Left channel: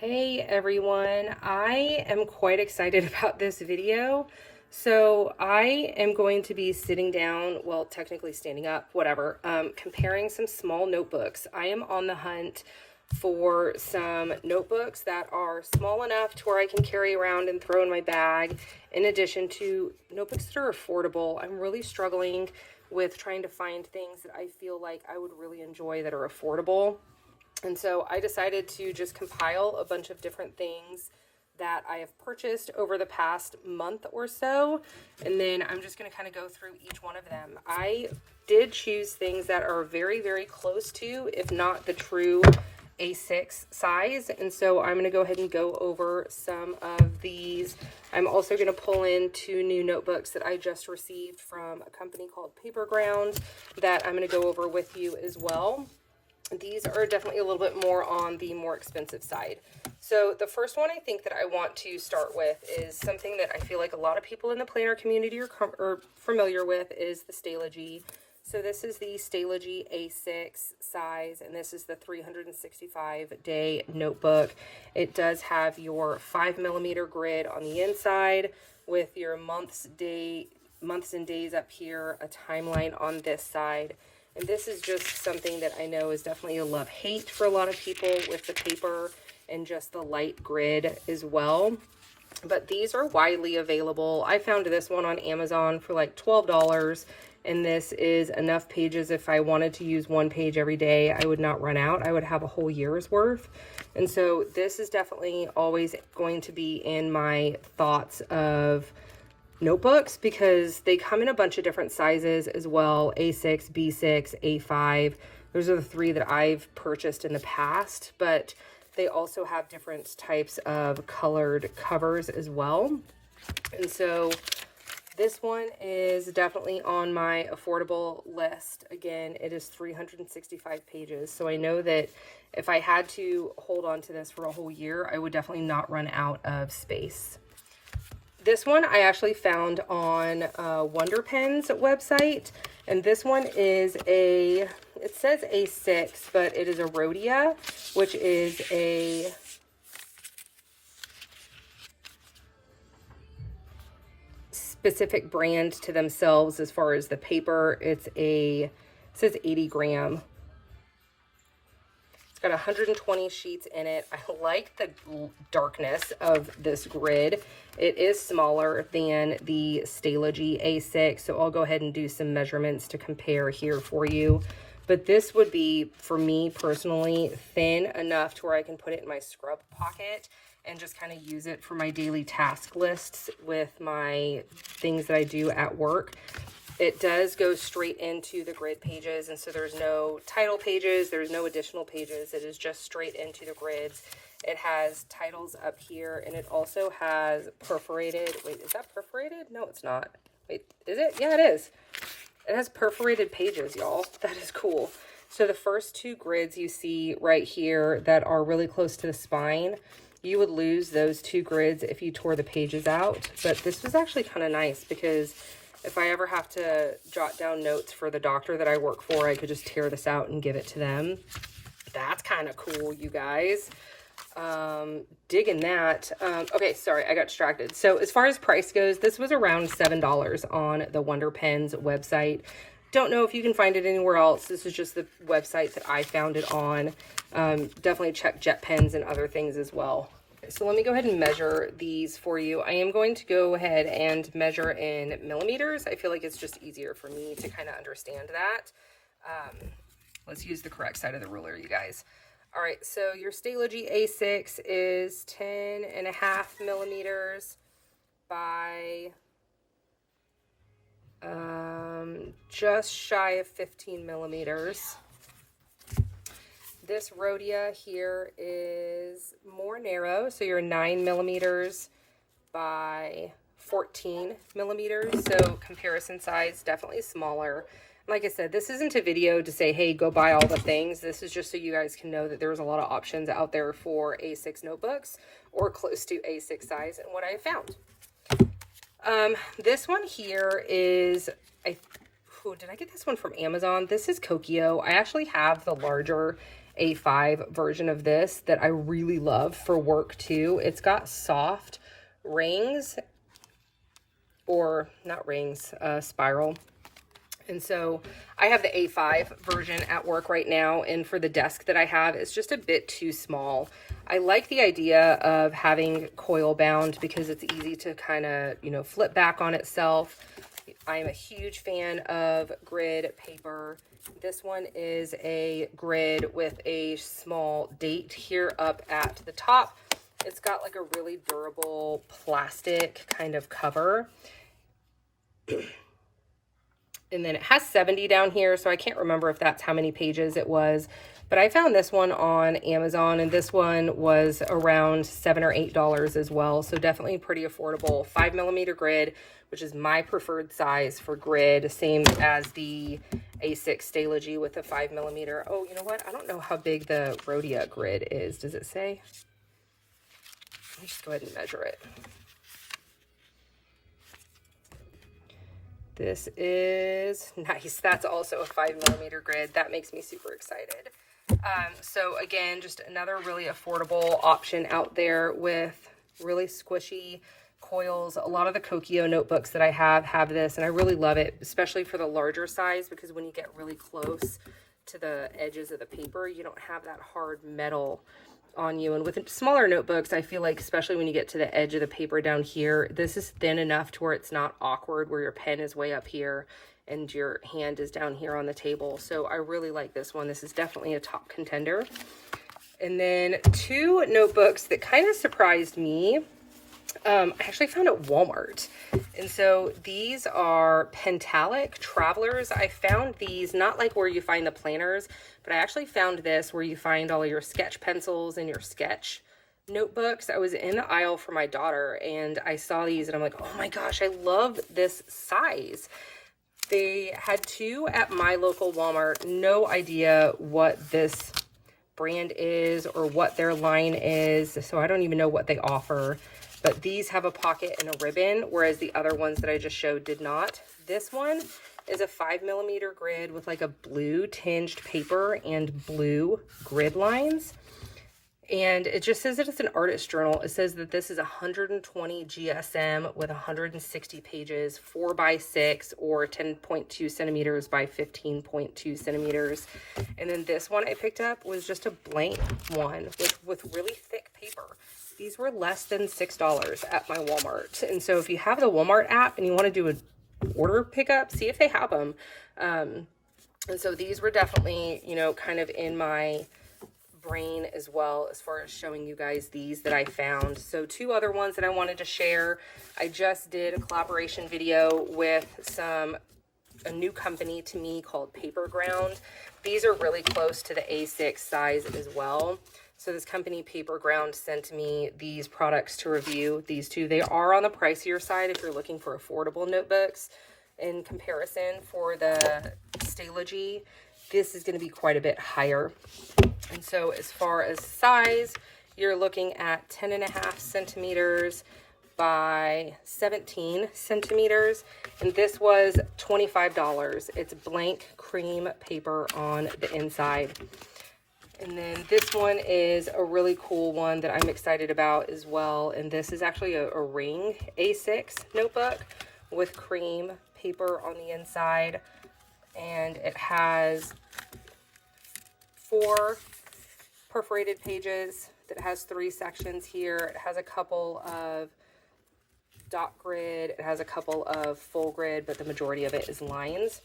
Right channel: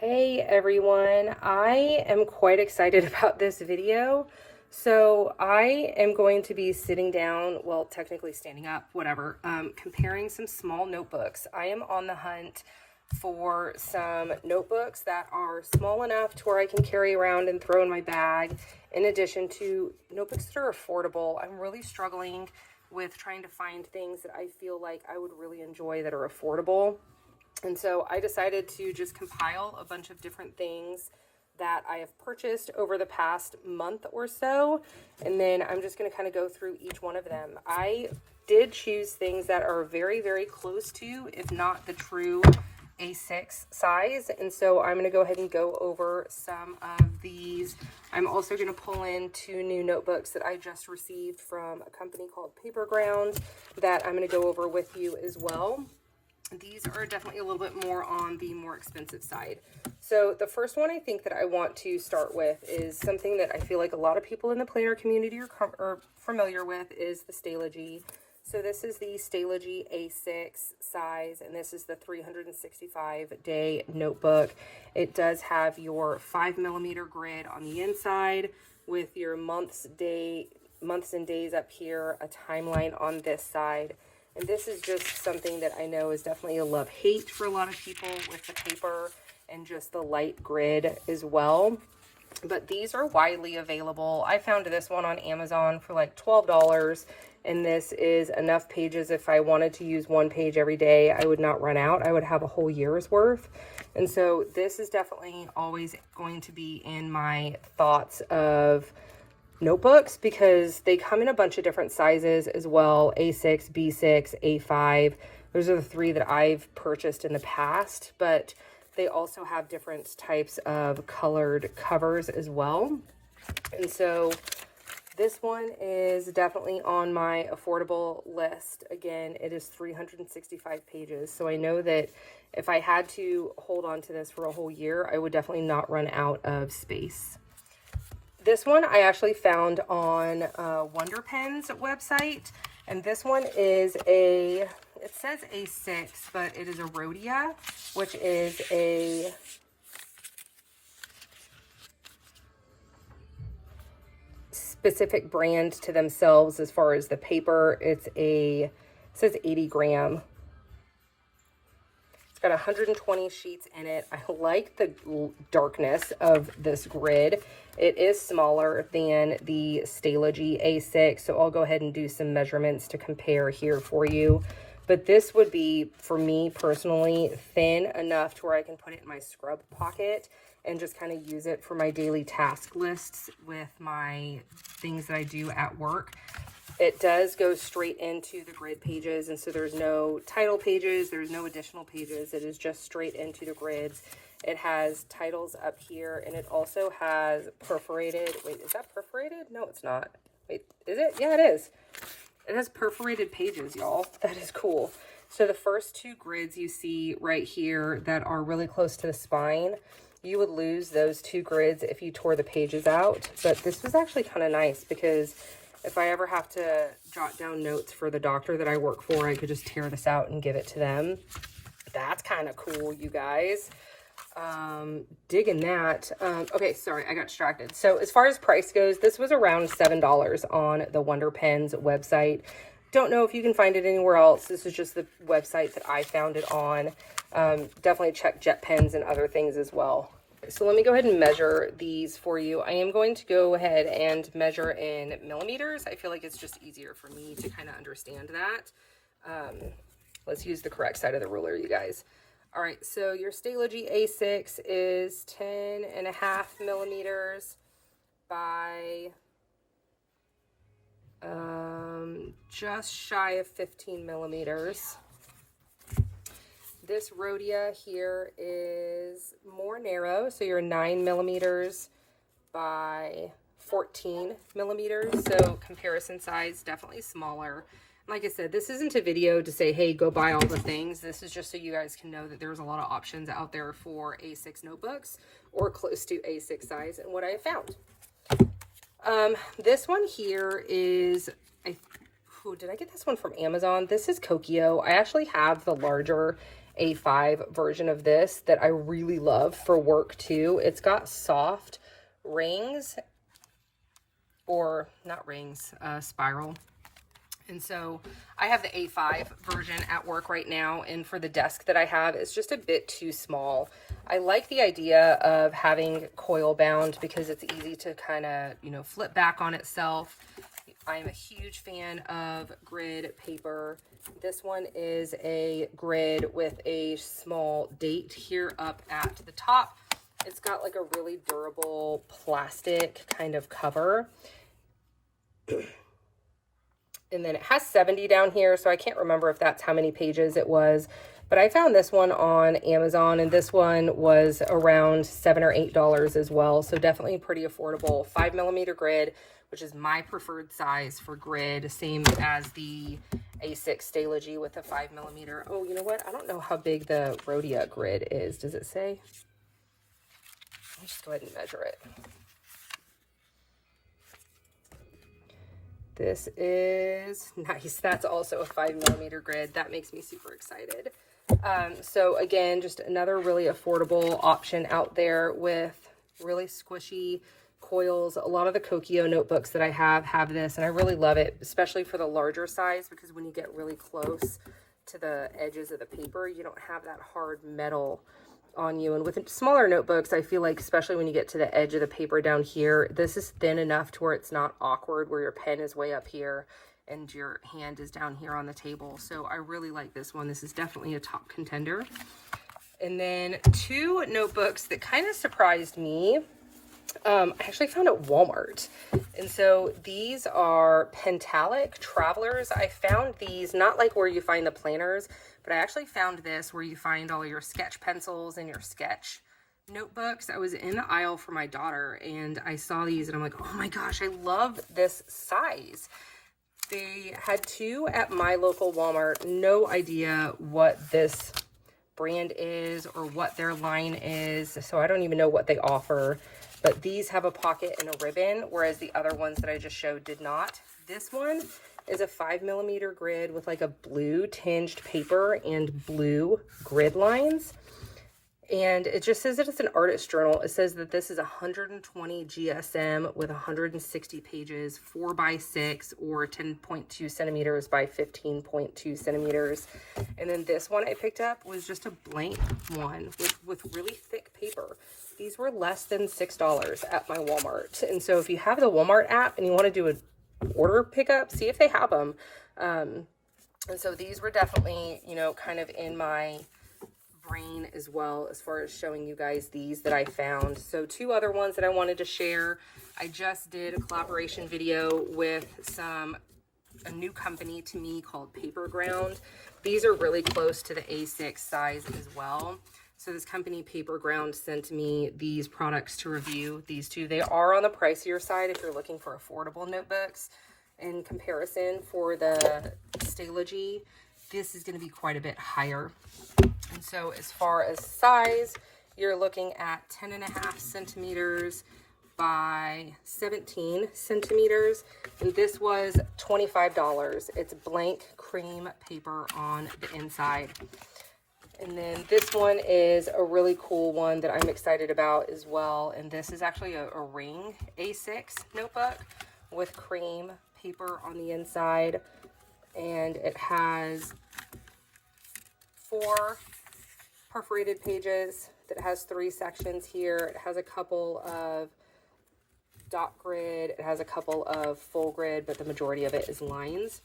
Hey everyone, I am quite excited about this video. So I am going to be sitting down, well, technically standing up, whatever, comparing some small notebooks. I am on the hunt for some notebooks that are small enough to where I can carry around and throw in my bag, in addition to notebooks that are affordable. I'm really struggling with trying to find things that I feel like I would really enjoy that are affordable. And so I decided to just compile a bunch of different things that I have purchased over the past month or so. And then I'm just going to kind of go through each one of them. I did choose things that are very, very close to, if not the true A6 size. And so I'm going to go ahead and go over some of these. I'm also going to pull in 2 new notebooks that I just received from a company called Paper Ground that I'm going to go over with you as well. These are definitely a little bit more on the more expensive side. So the first one I think that I want to start with is something that I feel like a lot of people in the planner community are familiar with, is the Stalogy. So this is the Stalogy A6 size, and this is the 365-day notebook. It does have your 5mm grid on the inside with your months and days up here, a timeline on this side. And this is just something that I know is definitely a love-hate for a lot of people with the paper and just the light grid as well. But these are widely available. I found this one on Amazon for like $12, and this is enough pages. If I wanted to use one page every day, I would not run out. I would have a whole year's worth. And so this is definitely always going to be in my thoughts of notebooks, because they come in a bunch of different sizes as well. A6, B6, A5. Those are the 3 that I've purchased in the past, but they also have different types of colored covers as well. And so this one is definitely on my affordable list. Again, it is 365 pages. So I know that if I had to hold on to this for a whole year, I would definitely not run out of space. This one I actually found on Wonder Pen's website, and this one is it says A6, but it is a Rhodia, which is a specific brand to themselves as far as the paper. It says 80 gram. Got 120 sheets in it. I like the darkness of this grid. It is smaller than the Stalogy A6, so I'll go ahead and do some measurements to compare here for you. But this would be, for me personally, thin enough to where I can put it in my scrub pocket and just kind of use it for my daily task lists with my things that I do at work. It does go straight into the grid pages, and so there's no title pages, there's no additional pages. It is just straight into the grids. It has titles up here, and it also has perforated, wait, is that perforated? No, it's not. Wait, is it? Yeah, it is. It has perforated pages, y'all. That is cool. So the first 2 grids you see right here that are really close to the spine, you would lose those 2 grids if you tore the pages out. But this was actually kind of nice, because if I ever have to jot down notes for the doctor that I work for, I could just tear this out and give it to them. That's kind of cool, you guys. Digging that. Okay, sorry, I got distracted. So as far as price goes, this was around $7 on the Wonder Pen's website. Don't know if you can find it anywhere else. This is just the website that I found it on. Definitely check JetPens and other things as well. So let me go ahead and measure these for you. I am going to go ahead and measure in millimeters. I feel like it's just easier for me to kind of understand that. Let's use the correct side of the ruler, you guys. All right, so your Stalogy A6 is 10.5 millimeters by just shy of 15 millimeters. This Rhodia here is more narrow, so you're 9 millimeters by 14 millimeters, so comparison size definitely smaller. Like I said, this isn't a video to say, hey, go buy all the things. This is just so you guys can know that there's a lot of options out there for A6 notebooks or close to A6 size and what I found. This one here is, did I get this one from Amazon? This is Kokio. I actually have the larger A5 version of this that I really love for work too. It's got soft rings, or not rings, spiral. And so I have the A5 version at work right now, and for the desk that I have, it's just a bit too small. I like the idea of having coil bound because it's easy to kind of, you know, flip back on itself. I am a huge fan of grid paper. This one is a grid with a small date here up at the top. It's got like a really durable plastic kind of cover. And then it has 70 down here, so I can't remember if that's how many pages it was. But I found this one on Amazon, and this one was around $7 or $8 as well. So definitely pretty affordable. 5mm grid, which is my preferred size for grid. Same as the A6 Stalogy with a 5mm. Oh, you know what? I don't know how big the Rhodia grid is. Does it say? Let me just go ahead and measure it. This is nice. That's also a 5mm grid. That makes me super excited. So again, just another really affordable option out there with really squishy coils. A lot of the Kokio notebooks that I have this, and I really love it, especially for the larger size, because when you get really close to the edges of the paper, you don't have that hard metal on you. And with smaller notebooks, I feel like, especially when you get to the edge of the paper down here, this is thin enough to where it's not awkward, where your pen is way up here and your hand is down here on the table. So I really like this one. This is definitely a top contender. And then two notebooks that kind of surprised me. I actually found at Walmart. And so these are Pentalic Travelers. I found these not like where you find the planners, but I actually found this where you find all your sketch pencils and your sketch notebooks. I was in the aisle for my daughter and I saw these and I'm like, oh my gosh, I love this size. They had two at my local Walmart. No idea what this brand is or what their line is, so I don't even know what they offer. But these have a pocket and a ribbon, whereas the other ones that I just showed did not. This one is a 5mm grid with like a blue tinged paper and blue grid lines. And it just says that it's an artist journal. It says that this is 120 GSM with 160 pages, 4x6 or 10.2 centimeters by 15.2 centimeters. And then this one I picked up was just a blank one with really thick paper. These were less than $6 at my Walmart. And so if you have the Walmart app and you want to do an order pickup, see if they have them. And so these were definitely, you know, kind of in my brain as well as far as showing you guys these that I found. So two other ones that I wanted to share. I just did a collaboration video with a new company to me called Paper Ground. These are really close to the A6 size as well. So this company Paper Ground sent me these products to review. These two, they are on the pricier side if you're looking for affordable notebooks. In comparison, for the Stalogy, this is going to be quite a bit higher. And so as far as size, you're looking at 10.5 centimeters by 17 centimeters. And this was $25. It's blank cream paper on the inside. And then this one is a really cool one that I'm excited about as well. And this is actually a ring A6 notebook with cream paper on the inside. And it has 4 perforated pages that has 3 sections here. It has a couple of dot grid. It has a couple of full grid, but the majority of it is lines.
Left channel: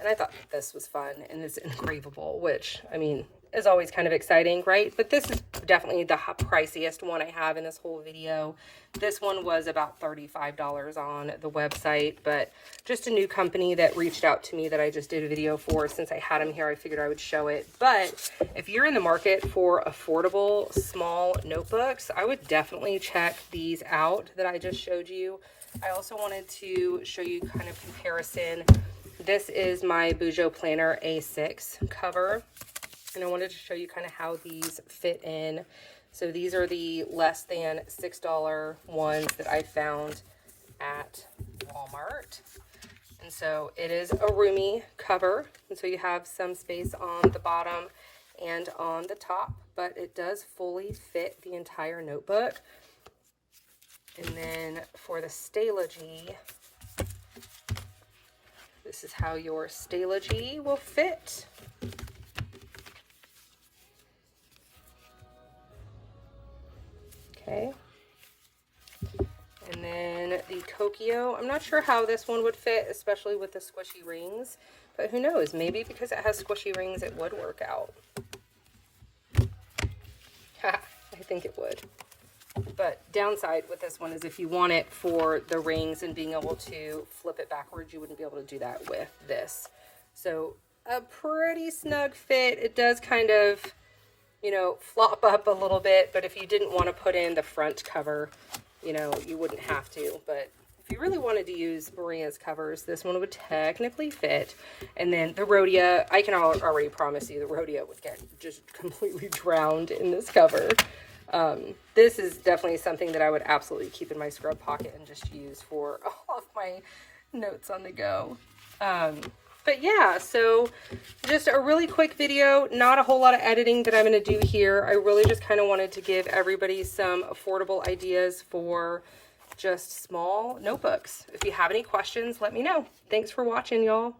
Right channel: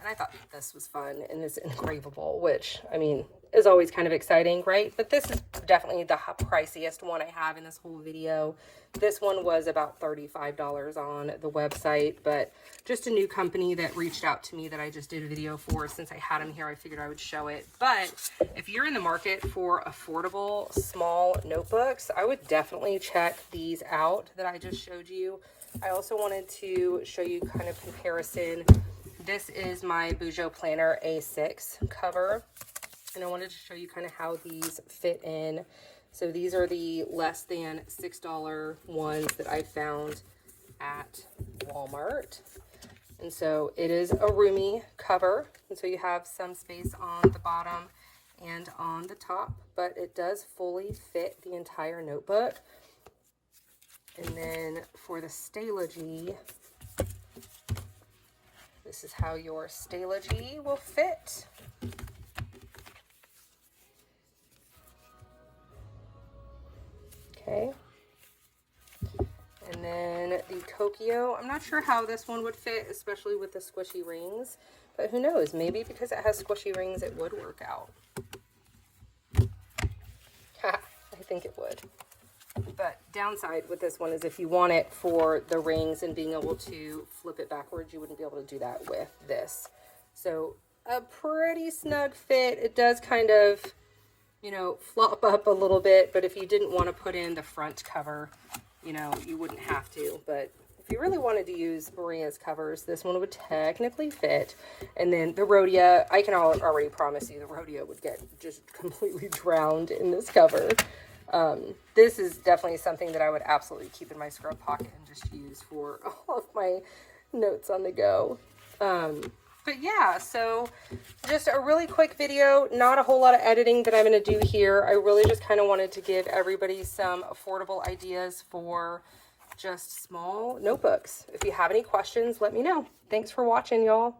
And I thought this was fun, and it's engravable, which, I mean, is always kind of exciting, right? But this is definitely the priciest one I have in this whole video. This one was about $35 on the website, but just a new company that reached out to me that I just did a video for. Since I had them here, I figured I would show it. But if you're in the market for affordable small notebooks, I would definitely check these out that I just showed you. I also wanted to show you kind of comparison. This is my Bujo Planner A6 cover, and I wanted to show you kind of how these fit in. So these are the less than $6 ones that I found at Walmart. And so it is a roomy cover, and so you have some space on the bottom. and on the top, but it does fully fit the entire notebook. And then for the Stalogy, this is how your Stalogy will fit. Okay. And then the Kokio, I'm not sure how this one would fit, especially with the squishy rings, but who knows, maybe because it has squishy rings, it would work out. I think it would. But downside with this one is if you want it for the rings and being able to flip it backwards, you wouldn't be able to do that with this. So a pretty snug fit. It does kind of, you know, flop up a little bit, but if you didn't want to put in the front cover, you know, you wouldn't have to. But if you really wanted to use Maria's covers, this one would technically fit. And then the Rhodia, I can already promise you the Rhodia would get just completely drowned in this cover. This is definitely something that I would absolutely keep in my scrub pocket and just use for all of my notes on the go. But yeah, so just a really quick video, not a whole lot of editing that I'm going to do here. I really just kind of wanted to give everybody some affordable ideas for just small notebooks. If you have any questions, let me know. Thanks for watching, y'all.